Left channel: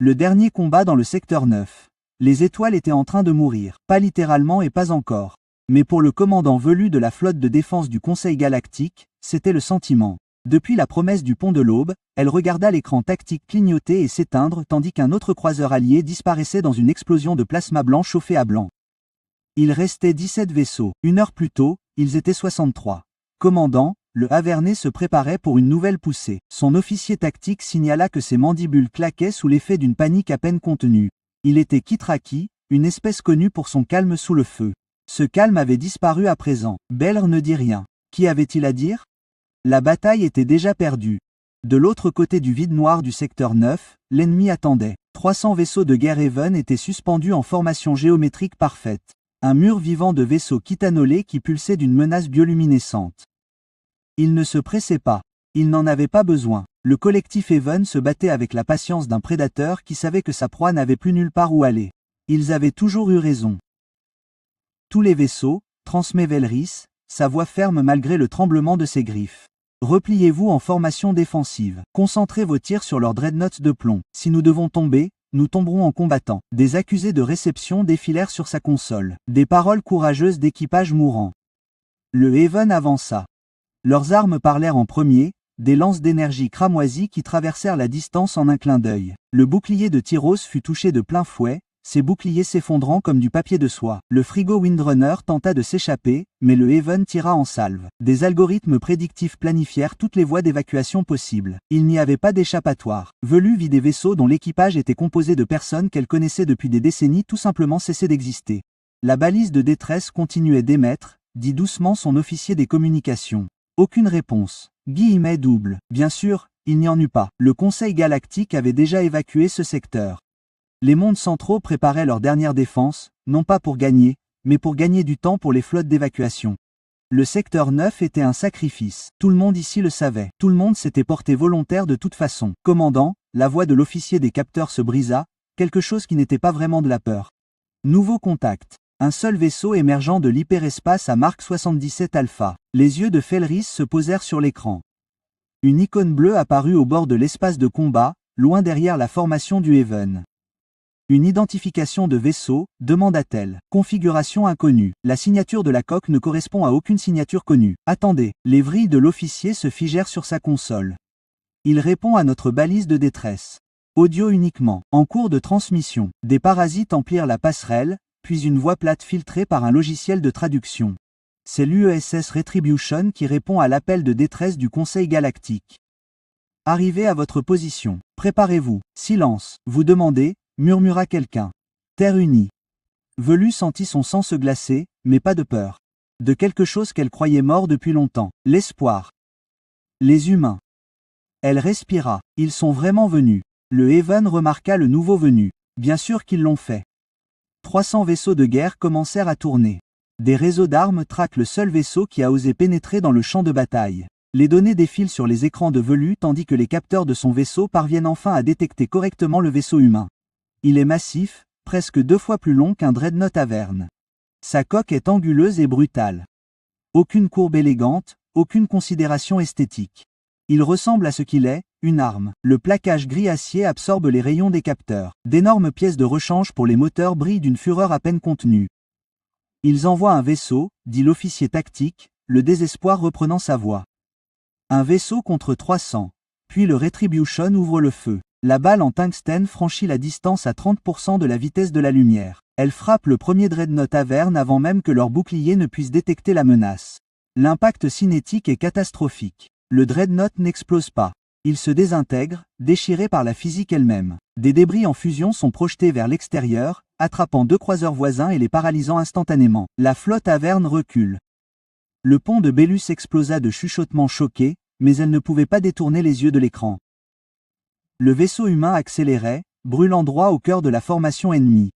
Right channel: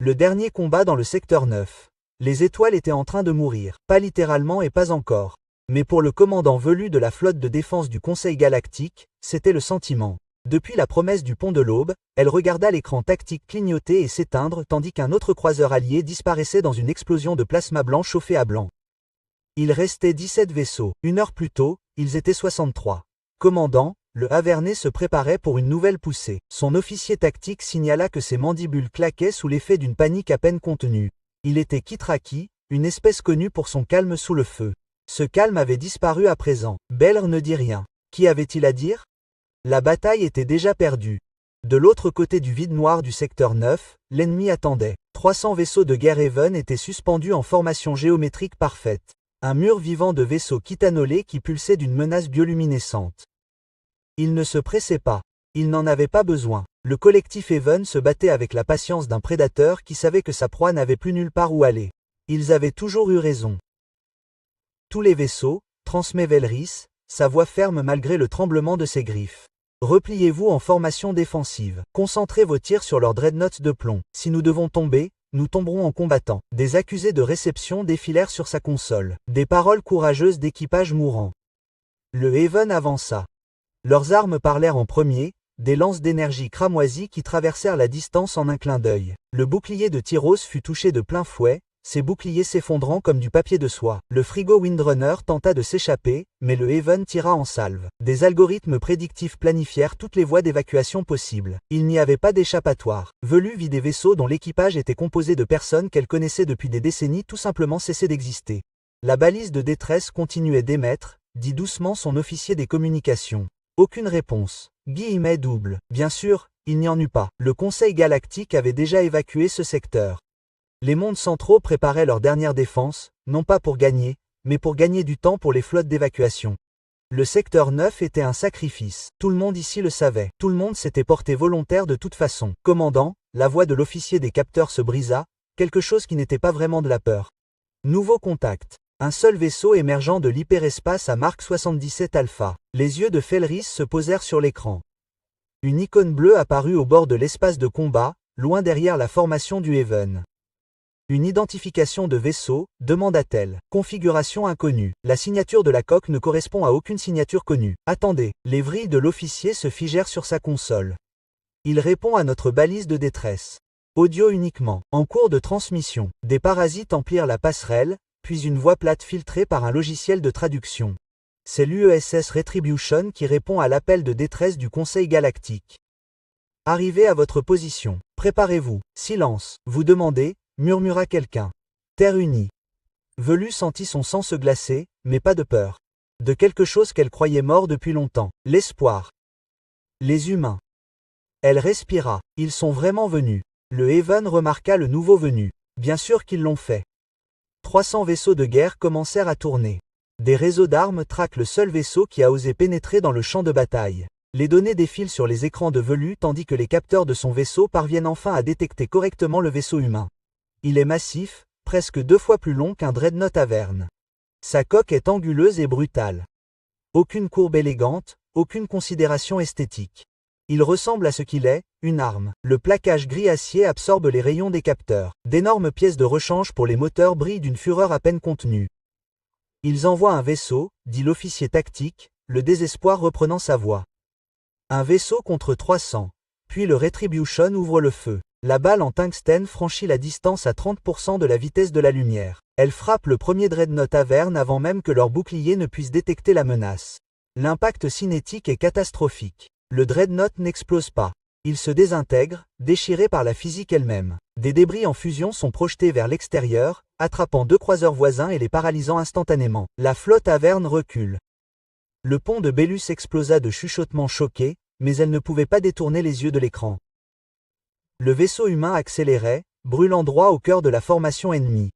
Le dernier combat dans le secteur 9. Les étoiles étaient en train de mourir, pas littéralement et pas encore. Mais pour le commandant velu de la flotte de défense du Conseil galactique, c'était le sentiment. Depuis la promesse du pont de l'Aube, elle regarda l'écran tactique clignoter et s'éteindre tandis qu'un autre croiseur allié disparaissait dans une explosion de plasma blanc chauffé à blanc. Il restait 17 vaisseaux. Une heure plus tôt, ils étaient 63. Commandant, le Avernet se préparait pour une nouvelle poussée. Son officier tactique signala que ses mandibules claquaient sous l'effet d'une panique à peine contenue. Il était Kitraki, une espèce connue pour son calme sous le feu. Ce calme avait disparu à présent. Belr ne dit rien. Qu'y avait-il à dire? La bataille était déjà perdue. De l'autre côté du vide noir du secteur 9, l'ennemi attendait. 300 vaisseaux de guerre Haven étaient suspendus en formation géométrique parfaite. Un mur vivant de vaisseaux kitanolés qui pulsait d'une menace bioluminescente. Il ne se pressait pas. Il n'en avait pas besoin. Le collectif Haven se battait avec la patience d'un prédateur qui savait que sa proie n'avait plus nulle part où aller. Ils avaient toujours eu raison. Tous les vaisseaux, transmet Velris, sa voix ferme malgré le tremblement de ses griffes. Repliez-vous en formation défensive. Concentrez vos tirs sur leurs dreadnoughts de plomb. Si nous devons tomber, nous tomberons en combattant. Des accusés de réception défilèrent sur sa console. Des paroles courageuses d'équipage mourant. Le Haven avança. Leurs armes parlèrent en premier, des lances d'énergie cramoisies qui traversèrent la distance en un clin d'œil. Le bouclier de Tyros fut touché de plein fouet, ses boucliers s'effondrant comme du papier de soie. Le frigo Windrunner tenta de s'échapper, mais le Haven tira en salve. Des algorithmes prédictifs planifièrent toutes les voies d'évacuation possibles. Il n'y avait pas d'échappatoire. Velu vit des vaisseaux dont l'équipage était composé de personnes qu'elle connaissait depuis des décennies tout simplement cesser d'exister. La balise de détresse continuait d'émettre, dit doucement son officier des communications. Aucune réponse. Guillemets double. Bien sûr, il n'y en eut pas. Le Conseil galactique avait déjà évacué ce secteur. Les mondes centraux préparaient leur dernière défense, non pas pour gagner, mais pour gagner du temps pour les flottes d'évacuation. Le secteur 9 était un sacrifice. Tout le monde ici le savait. Tout le monde s'était porté volontaire de toute façon. Commandant, la voix de l'officier des capteurs se brisa, quelque chose qui n'était pas vraiment de la peur. Nouveau contact. Un seul vaisseau émergeant de l'hyperespace à Mark 77 Alpha. Les yeux de Felris se posèrent sur l'écran. Une icône bleue apparut au bord de l'espace de combat, loin derrière la formation du Haven. Une identification de vaisseau, demanda-t-elle. Configuration inconnue. La signature de la coque ne correspond à aucune signature connue. Attendez. Les vrilles de l'officier se figèrent sur sa console. Il répond à notre balise de détresse. Audio uniquement. En cours de transmission. Des parasites emplirent la passerelle, puis une voix plate filtrée par un logiciel de traduction. C'est l'UESS Retribution qui répond à l'appel de détresse du Conseil galactique. Arrivez à votre position. Préparez-vous. Silence. Vous demandez, murmura quelqu'un. Terre unie. Velu sentit son sang se glacer, mais pas de peur. De quelque chose qu'elle croyait mort depuis longtemps. L'espoir. Les humains. Elle respira. Ils sont vraiment venus. Le Haven remarqua le nouveau venu. Bien sûr qu'ils l'ont fait. 300 vaisseaux de guerre commencèrent à tourner. Des réseaux d'armes traquent le seul vaisseau qui a osé pénétrer dans le champ de bataille. Les données défilent sur les écrans de Velu tandis que les capteurs de son vaisseau parviennent enfin à détecter correctement le vaisseau humain. Il est massif, presque 2 fois plus long qu'un dreadnought Averne. Sa coque est anguleuse et brutale. Aucune courbe élégante, aucune considération esthétique. Il ressemble à ce qu'il est, une arme. Le plaquage gris acier absorbe les rayons des capteurs. D'énormes pièces de rechange pour les moteurs brillent d'une fureur à peine contenue. Ils envoient un vaisseau, dit l'officier tactique, le désespoir reprenant sa voix. Un vaisseau contre 300. Puis le Retribution ouvre le feu. La balle en tungstène franchit la distance à 30% de la vitesse de la lumière. Elle frappe le premier dreadnought Averne avant même que leur bouclier ne puisse détecter la menace. L'impact cinétique est catastrophique. Le dreadnought n'explose pas. Il se désintègre, déchiré par la physique elle-même. Des débris en fusion sont projetés vers l'extérieur, attrapant 2 croiseurs voisins et les paralysant instantanément. La flotte Averne recule. Le pont de Bélus explosa de chuchotements choqués, mais elle ne pouvait pas détourner les yeux de l'écran. Le vaisseau humain accélérait, brûlant droit au cœur de la formation ennemie.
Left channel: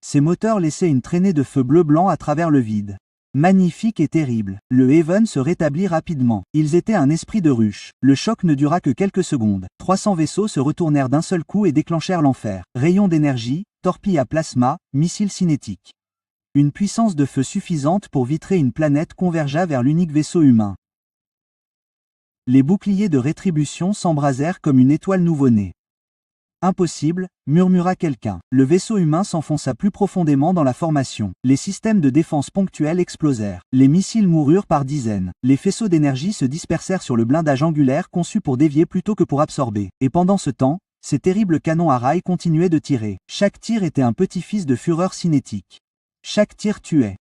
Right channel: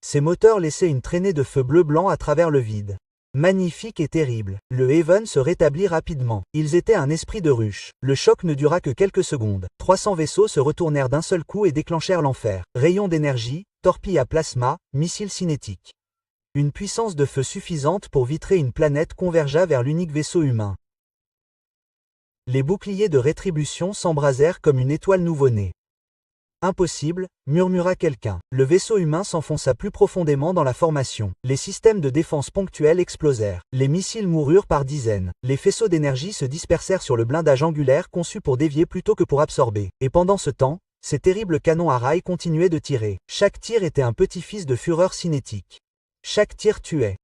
Ses moteurs laissaient une traînée de feu bleu-blanc à travers le vide. Magnifique et terrible. Le Haven se rétablit rapidement. Ils étaient un esprit de ruche. Le choc ne dura que quelques secondes. 300 vaisseaux se retournèrent d'un seul coup et déclenchèrent l'enfer. Rayons d'énergie, torpilles à plasma, missiles cinétiques. Une puissance de feu suffisante pour vitrer une planète convergea vers l'unique vaisseau humain. Les boucliers de rétribution s'embrasèrent comme une étoile nouveau-née. Impossible, murmura quelqu'un. Le vaisseau humain s'enfonça plus profondément dans la formation. Les systèmes de défense ponctuels explosèrent. Les missiles moururent par dizaines. Les faisceaux d'énergie se dispersèrent sur le blindage angulaire conçu pour dévier plutôt que pour absorber. Et pendant ce temps, ces terribles canons à rails continuaient de tirer. Chaque tir était un petit-fils de fureur cinétique. Chaque tir tuait.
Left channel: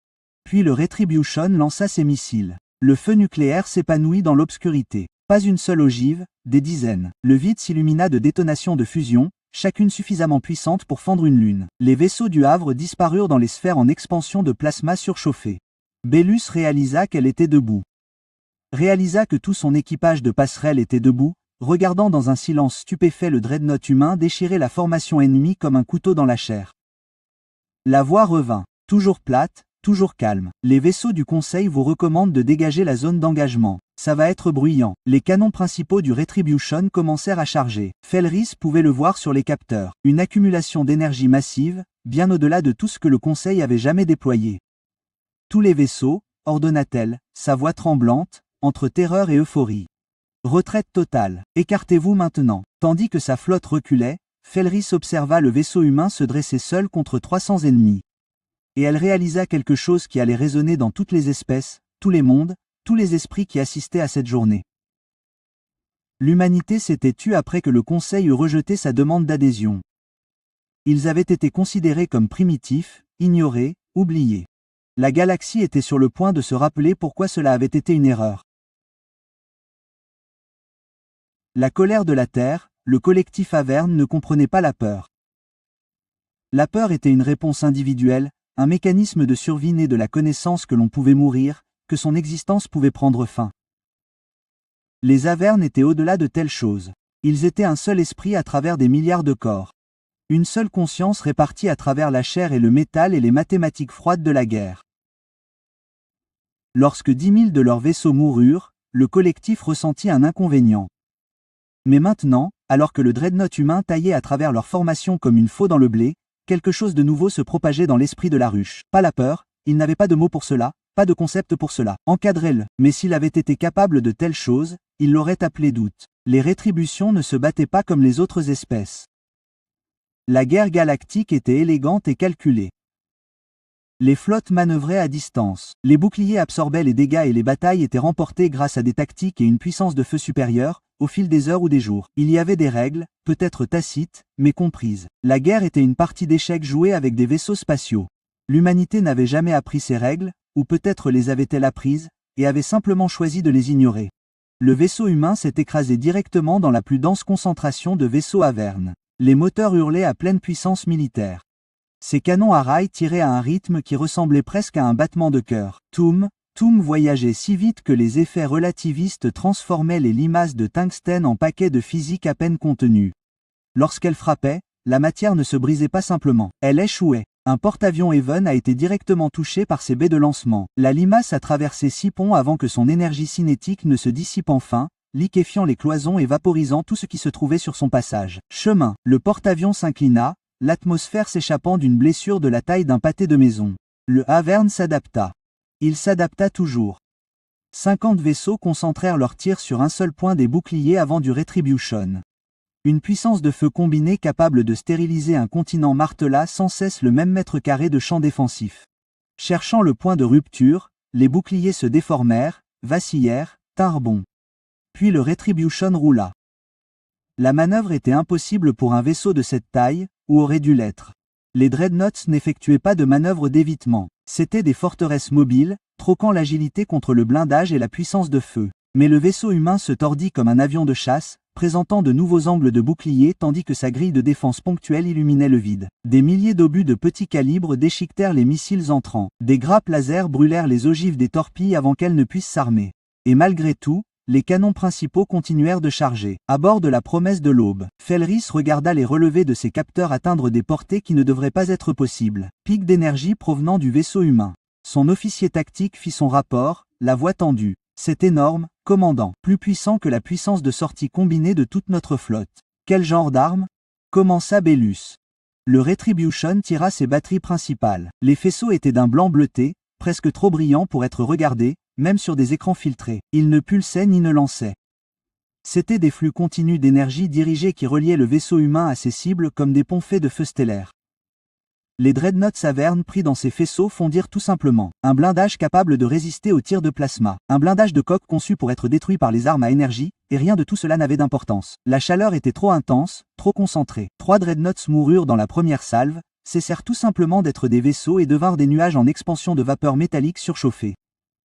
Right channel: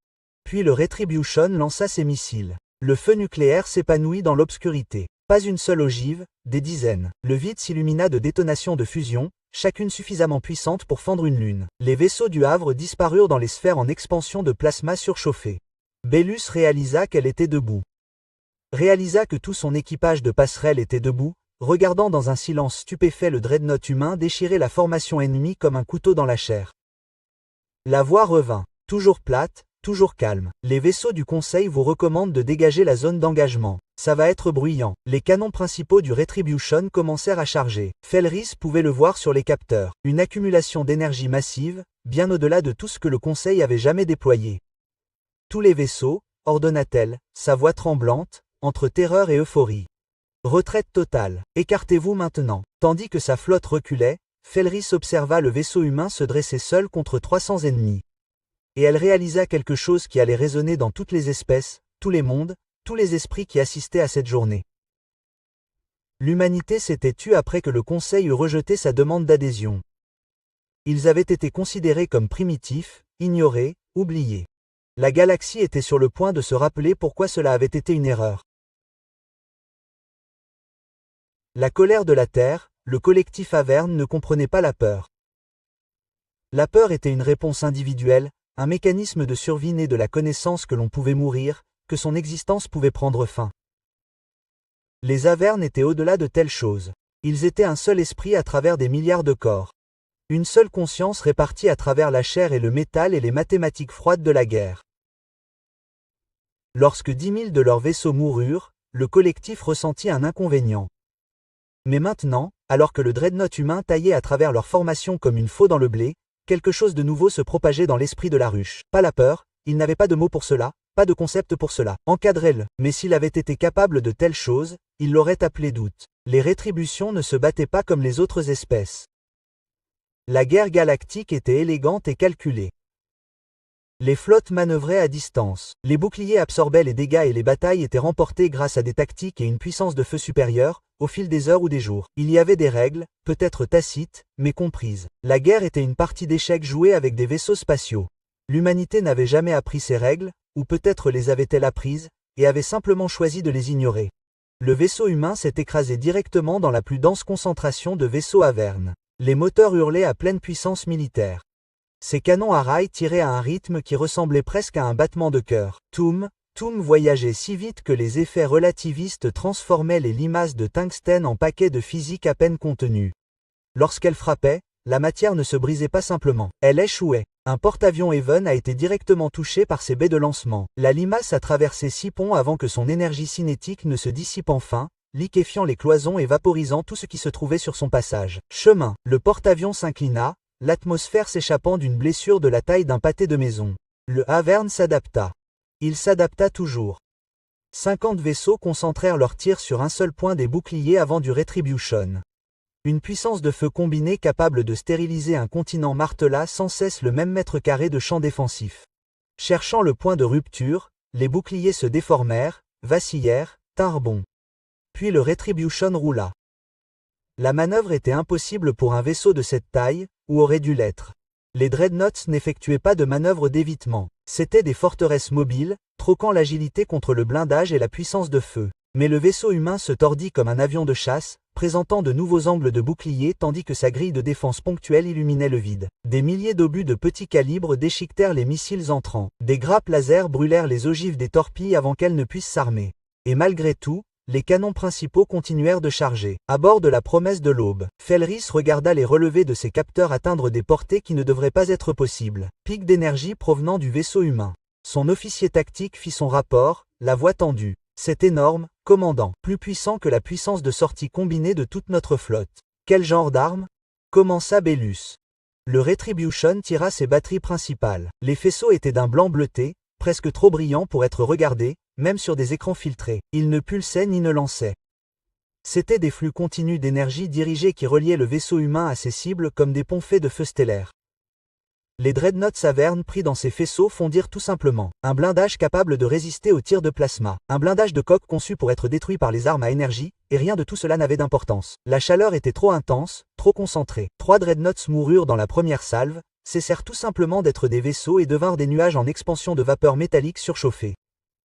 Puis le Retribution lança ses missiles. Le feu nucléaire s'épanouit dans l'obscurité. Pas une seule ogive, des dizaines. Le vide s'illumina de détonations de fusion, chacune suffisamment puissante pour fendre une lune. Les vaisseaux du Havre disparurent dans les sphères en expansion de plasma surchauffé. Bellus réalisa qu'elle était debout. Réalisa que tout son équipage de passerelle était debout, regardant dans un silence stupéfait le dreadnought humain déchirer la formation ennemie comme un couteau dans la chair. La voix revint, toujours plate, toujours calme. Les vaisseaux du Conseil vous recommandent de dégager la zone d'engagement. Ça va être bruyant. Les canons principaux du Retribution commencèrent à charger. Felris pouvait le voir sur les capteurs. Une accumulation d'énergie massive, bien au-delà de tout ce que le Conseil avait jamais déployé. Tous les vaisseaux, ordonna-t-elle, sa voix tremblante, entre terreur et euphorie. Retraite totale. Écartez-vous maintenant. Tandis que sa flotte reculait, Felris observa le vaisseau humain se dresser seul contre 300 ennemis. Et elle réalisa quelque chose qui allait résonner dans toutes les espèces, tous les mondes, tous les esprits qui assistaient à cette journée. L'humanité s'était tue après que le Conseil eut rejeté sa demande d'adhésion. Ils avaient été considérés comme primitifs, ignorés, oubliés. La galaxie était sur le point de se rappeler pourquoi cela avait été une erreur. La colère de la Terre, le collectif Averne ne comprenait pas la peur. La peur était une réponse individuelle, un mécanisme de survie né de la connaissance que l'on pouvait mourir, que son existence pouvait prendre fin. Les Avernes étaient au-delà de telles choses. Ils étaient un seul esprit à travers des milliards de corps. Une seule conscience répartie à travers la chair et le métal et les mathématiques froides de la guerre. Lorsque 10 000 de leurs vaisseaux moururent, le collectif ressentit un inconvénient. Mais maintenant, alors que le dreadnought humain taillait à travers leur formation comme une faux dans le blé, quelque chose de nouveau se propageait dans l'esprit de la ruche. Pas la peur, il n'avait pas de mots pour cela, pas de concept pour cela. Encadrez-le. Mais s'il avait été capable de telles choses, il l'aurait appelé doute. Les rétributions ne se battaient pas comme les autres espèces. La guerre galactique était élégante et calculée. Les flottes manœuvraient à distance. Les boucliers absorbaient les dégâts et les batailles étaient remportées grâce à des tactiques et une puissance de feu supérieure, au fil des heures ou des jours. Il y avait des règles, peut-être tacites, mais comprises. La guerre était une partie d'échecs jouée avec des vaisseaux spatiaux. L'humanité n'avait jamais appris ces règles, ou peut-être les avait-elle apprises, et avait simplement choisi de les ignorer. Le vaisseau humain s'est écrasé directement dans la plus dense concentration de vaisseaux Avernes. Les moteurs hurlaient à pleine puissance militaire. Ces canons à rails tiraient à un rythme qui ressemblait presque à un battement de cœur. Toum voyageait si vite que les effets relativistes transformaient les limaces de tungstène en paquets de physique à peine contenus. Lorsqu'elle frappait, la matière ne se brisait pas simplement, elle échouait. Un porte-avions Even a été directement touché par ses baies de lancement. La limace a traversé 6 ponts avant que son énergie cinétique ne se dissipe enfin, liquéfiant les cloisons et vaporisant tout ce qui se trouvait sur son passage. Chemin. Le porte-avions s'inclina, l'atmosphère s'échappant d'une blessure de la taille d'un pâté de maison. Le Averne s'adapta. Il s'adapta toujours. 50 vaisseaux concentrèrent leurs tirs sur un seul point des boucliers avant du Retribution. Une puissance de feu combinée capable de stériliser un continent martela sans cesse le même mètre carré de champ défensif. Cherchant le point de rupture, les boucliers se déformèrent, vacillèrent, tinrent bon. Puis le Retribution roula. La manœuvre était impossible pour un vaisseau de cette taille, ou aurait dû l'être. Les dreadnoughts n'effectuaient pas de manœuvre d'évitement. C'étaient des forteresses mobiles, troquant l'agilité contre le blindage et la puissance de feu. Mais le vaisseau humain se tordit comme un avion de chasse, présentant de nouveaux angles de bouclier tandis que sa grille de défense ponctuelle illuminait le vide. Des milliers d'obus de petit calibre déchiquetèrent les missiles entrants. Des grappes laser brûlèrent les ogives des torpilles avant qu'elles ne puissent s'armer. Et malgré tout, les canons principaux continuèrent de charger. À bord de la promesse de l'aube, Felris regarda les relevés de ses capteurs atteindre des portées qui ne devraient pas être possibles. Pic d'énergie provenant du vaisseau humain. Son officier tactique fit son rapport, la voix tendue. C'est énorme, commandant, plus puissant que la puissance de sortie combinée de toute notre flotte. Quel genre d'arme? Commença Bellus. Le Retribution tira ses batteries principales. Les faisceaux étaient d'un blanc bleuté, presque trop brillant pour être regardé, même sur des écrans filtrés. Il ne pulsait ni ne lançait. C'étaient des flux continus d'énergie dirigés qui reliaient le vaisseau humain à ses cibles comme des ponts faits de feux stellaires. Les dreadnoughts Avern pris dans ces faisceaux fondirent tout simplement. Un blindage capable de résister aux tirs de plasma. Un blindage de coque conçu pour être détruit par les armes à énergie, et rien de tout cela n'avait d'importance. La chaleur était trop intense, trop concentrée. 3 dreadnoughts moururent dans la première salve, cessèrent tout simplement d'être des vaisseaux et devinrent des nuages en expansion de vapeur métallique surchauffée.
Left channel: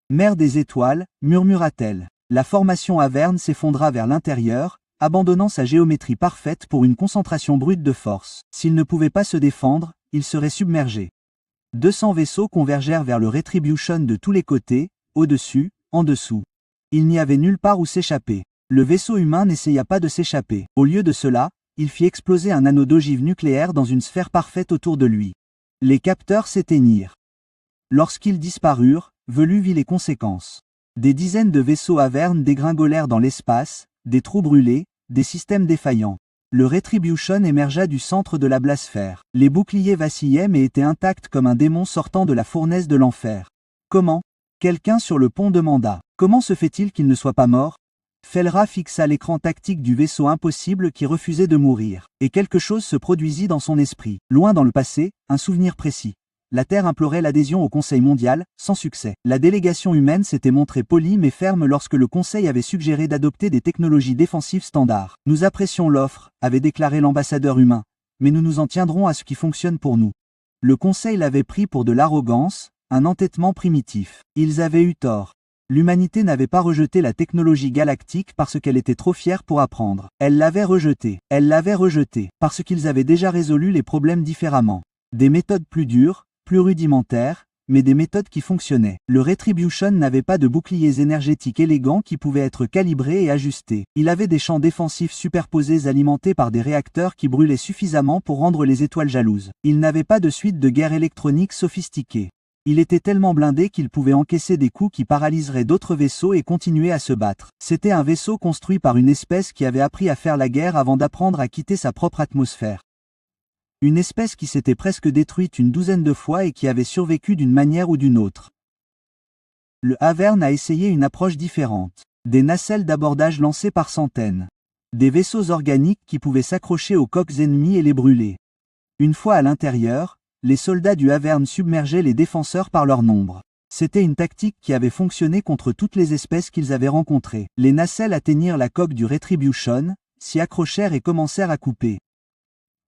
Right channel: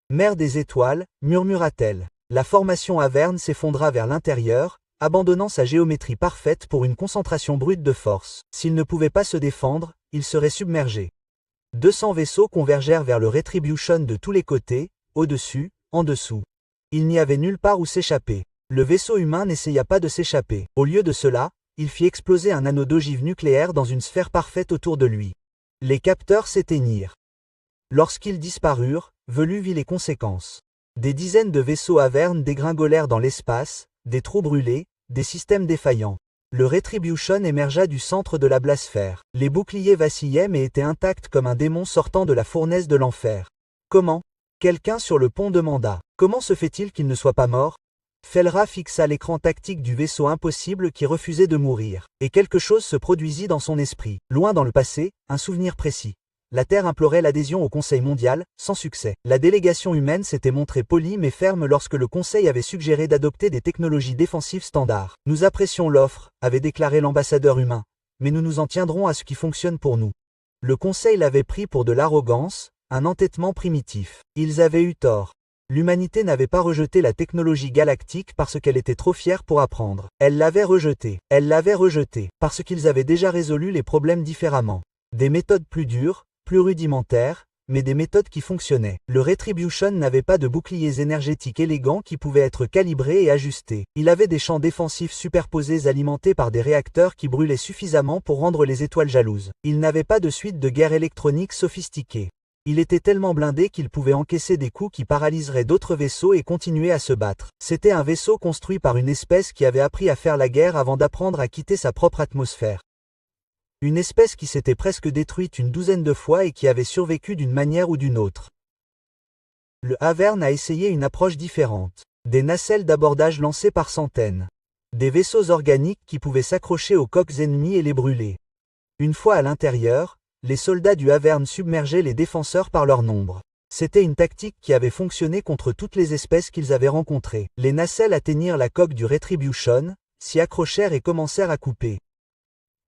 Mère des étoiles, murmura-t-elle. La formation Avern s'effondra vers l'intérieur, abandonnant sa géométrie parfaite pour une concentration brute de force. S'il ne pouvait pas se défendre, il serait submergé. 200 vaisseaux convergèrent vers le Retribution de tous les côtés, au-dessus, en dessous. Il n'y avait nulle part où s'échapper. Le vaisseau humain n'essaya pas de s'échapper. Au lieu de cela, il fit exploser un anneau d'ogive nucléaire dans une sphère parfaite autour de lui. Les capteurs s'éteignirent. Lorsqu'ils disparurent, Velu vit les conséquences. Des dizaines de vaisseaux Avern dégringolèrent dans l'espace, des trous brûlés, des systèmes défaillants. Le Retribution émergea du centre de la blasphère. Les boucliers vacillaient mais étaient intacts comme un démon sortant de la fournaise de l'enfer. Comment? Quelqu'un sur le pont demanda. Comment se fait-il qu'il ne soit pas mort? Felra fixa l'écran tactique du vaisseau impossible qui refusait de mourir. Et quelque chose se produisit dans son esprit. Loin dans le passé, un souvenir précis. La Terre implorait l'adhésion au Conseil mondial, sans succès. La délégation humaine s'était montrée polie mais ferme lorsque le Conseil avait suggéré d'adopter des technologies défensives standards. Nous apprécions l'offre, avait déclaré l'ambassadeur humain, mais nous nous en tiendrons à ce qui fonctionne pour nous. Le Conseil l'avait pris pour de l'arrogance, un entêtement primitif. Ils avaient eu tort. L'humanité n'avait pas rejeté la technologie galactique parce qu'elle était trop fière pour apprendre. Elle l'avait rejetée. Elle l'avait rejetée parce qu'ils avaient déjà résolu les problèmes différemment. Des méthodes plus dures, plus rudimentaires, mais des méthodes qui fonctionnaient. Le Retribution n'avait pas de boucliers énergétiques élégants qui pouvaient être calibrés et ajustés. Il avait des champs défensifs superposés alimentés par des réacteurs qui brûlaient suffisamment pour rendre les étoiles jalouses. Il n'avait pas de suite de guerre électronique sophistiquée. Il était tellement blindé qu'il pouvait encaisser des coups qui paralyseraient d'autres vaisseaux et continuer à se battre. C'était un vaisseau construit par une espèce qui avait appris à faire la guerre avant d'apprendre à quitter sa propre atmosphère. Une espèce qui s'était presque détruite une douzaine de fois et qui avait survécu d'une manière ou d'une autre. Le Avern a essayé une approche différente. Des nacelles d'abordage lancées par centaines. Des vaisseaux organiques qui pouvaient s'accrocher aux coques ennemies et les brûler. Une fois à l'intérieur, les soldats du Avern submergeaient les défenseurs par leur nombre. C'était une tactique qui avait fonctionné contre toutes les espèces qu'ils avaient rencontrées. Les nacelles atteignirent la coque du Retribution, s'y accrochèrent et commencèrent à couper.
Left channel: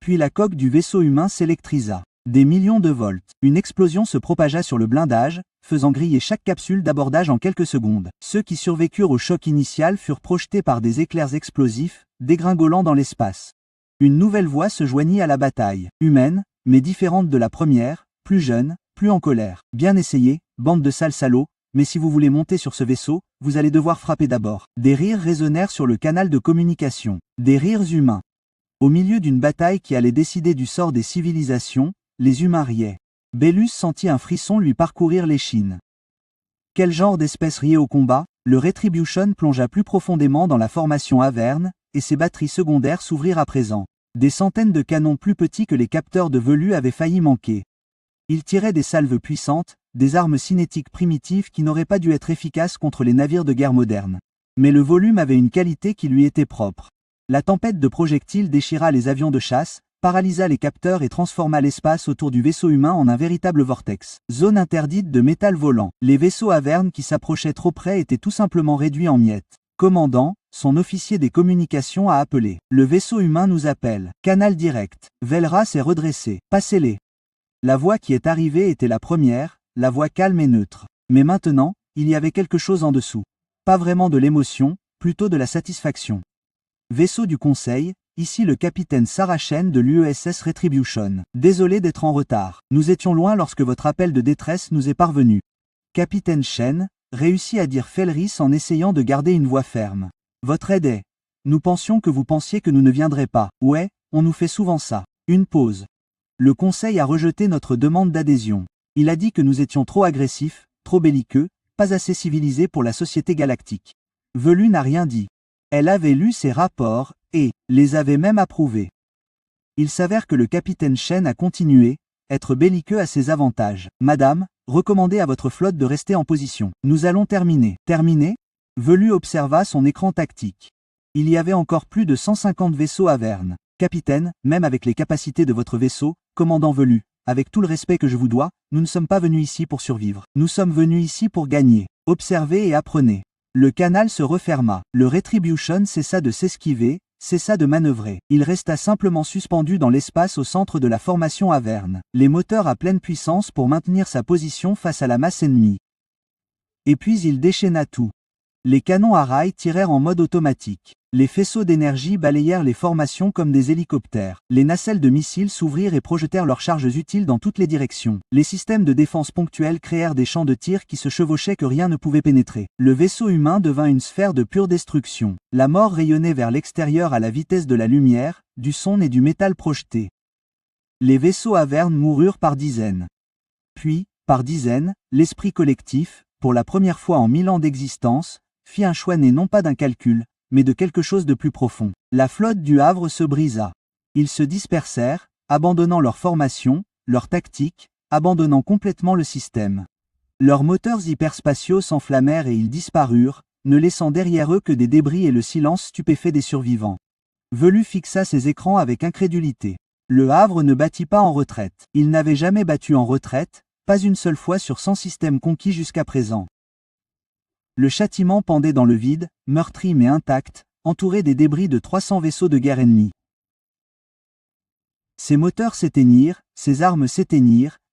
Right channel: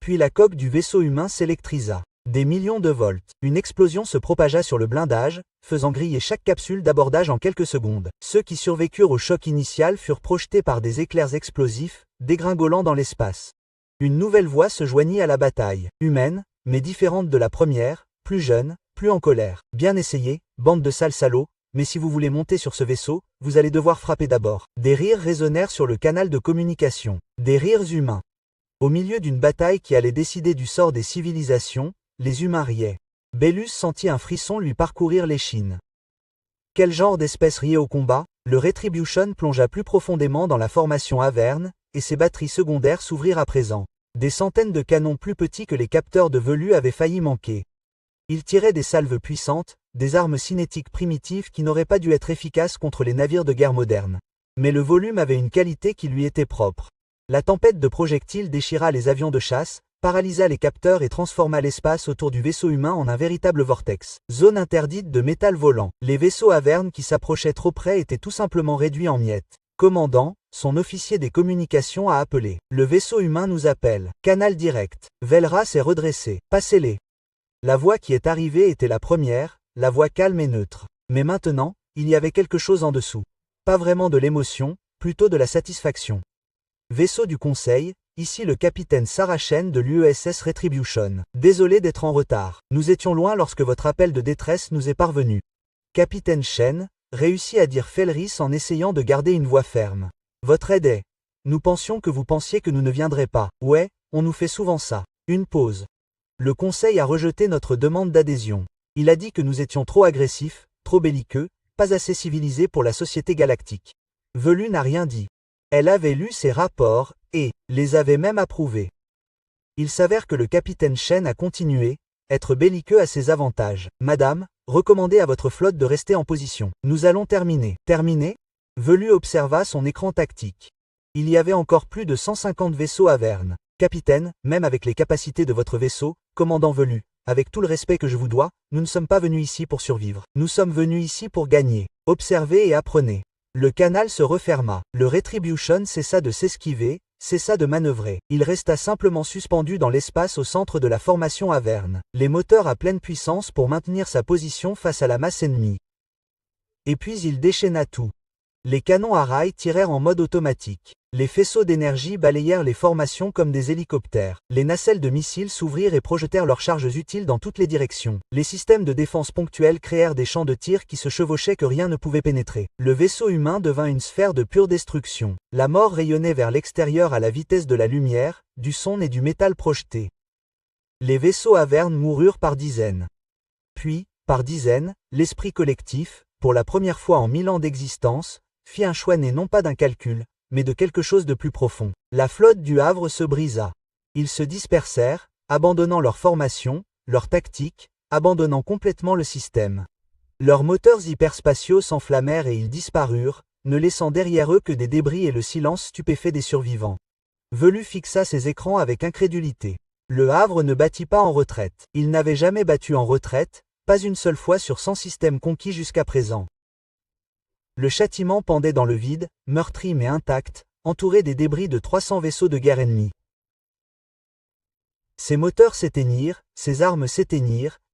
Puis la coque du vaisseau humain s'électrisa. Des millions de volts. Une explosion se propagea sur le blindage, faisant griller chaque capsule d'abordage en quelques secondes. Ceux qui survécurent au choc initial furent projetés par des éclairs explosifs, dégringolant dans l'espace. Une nouvelle voix se joignit à la bataille. Humaine, mais différente de la première, plus jeune, plus en colère. Bien essayé, bande de sales salauds, mais si vous voulez monter sur ce vaisseau, vous allez devoir frapper d'abord. Des rires résonnèrent sur le canal de communication. Des rires humains. Au milieu d'une bataille qui allait décider du sort des civilisations, les humains riaient. Bellus sentit un frisson lui parcourir l'échine. Quel genre d'espèce riait au combat? Le Retribution plongea plus profondément dans la formation Avern, et ses batteries secondaires s'ouvrirent à présent. Des centaines de canons plus petits que les capteurs de Velu avaient failli manquer. Ils tiraient des salves puissantes, des armes cinétiques primitives qui n'auraient pas dû être efficaces contre les navires de guerre modernes. Mais le volume avait une qualité qui lui était propre. La tempête de projectiles déchira les avions de chasse, paralysa les capteurs et transforma l'espace autour du vaisseau humain en un véritable vortex. Zone interdite de métal volant. Les vaisseaux Avern qui s'approchaient trop près étaient tout simplement réduits en miettes. Commandant, son officier des communications a appelé. Le vaisseau humain nous appelle. Canal direct. Velra s'est redressé. Passez-les. La voix qui est arrivée était la première, la voix calme et neutre. Mais maintenant, il y avait quelque chose en dessous. Pas vraiment de l'émotion, plutôt de la satisfaction. Vaisseau du Conseil, ici le capitaine Sarachen de l'UESS Retribution. Désolé d'être en retard. Nous étions loin lorsque votre appel de détresse nous est parvenu. Capitaine Shen, réussit à dire Felris en essayant de garder une voix ferme. Votre aide est. Nous pensions que vous pensiez que nous ne viendrions pas. Ouais, on nous fait souvent ça. Une pause. Le Conseil a rejeté notre demande d'adhésion. Il a dit que nous étions trop agressifs, trop belliqueux, pas assez civilisés pour la société galactique. Velu n'a rien dit. Elle avait lu ces rapports, et les avait même approuvés. Il s'avère que le capitaine Shen a continué, être belliqueux a ses avantages. Madame, recommandez à votre flotte de rester en position. Nous allons terminer. Terminer? Velu observa son écran tactique. Il y avait encore plus de 150 vaisseaux à Verne. Capitaine, même avec les capacités de votre vaisseau, commandant Velu, avec tout le respect que je vous dois, nous ne sommes pas venus ici pour survivre. Nous sommes venus ici pour gagner. Observez et apprenez. Le canal se referma. Le Retribution cessa de s'esquiver, cessa de manœuvrer. Il resta simplement suspendu dans l'espace au centre de la formation à Verne, les moteurs à pleine puissance pour maintenir sa position face à la masse ennemie. Et puis il déchaîna tout. Les canons à rail tirèrent en mode automatique. Les faisceaux d'énergie balayèrent les formations comme des hélicoptères. Les nacelles de missiles s'ouvrirent et projetèrent leurs charges utiles dans toutes les directions. Les systèmes de défense ponctuels créèrent des champs de tir qui se chevauchaient que rien ne pouvait pénétrer. Le vaisseau humain devint une sphère de pure destruction. La mort rayonnait vers l'extérieur à la vitesse de la lumière, du son et du métal projeté. Les vaisseaux à Verne moururent par dizaines. Puis, par dizaines, l'esprit collectif, pour la première fois en 1000 ans d'existence, fit un choix né non pas d'un calcul, mais de quelque chose de plus profond. La flotte du Havre se brisa. Ils se dispersèrent, abandonnant leur formation, leur tactique, abandonnant complètement le système. Leurs moteurs hyperspatiaux s'enflammèrent et ils disparurent, ne laissant derrière eux que des débris et le silence stupéfait des survivants. Velu fixa ses écrans avec incrédulité. Le Havre ne battit pas en retraite. Il n'avait jamais battu en retraite, pas une seule fois sur 100 systèmes conquis jusqu'à présent. Le châtiment pendait dans le vide, meurtri mais intact, entouré des débris de 300 vaisseaux de guerre ennemis. Ses moteurs s'éteignirent, ses armes s'éteignirent,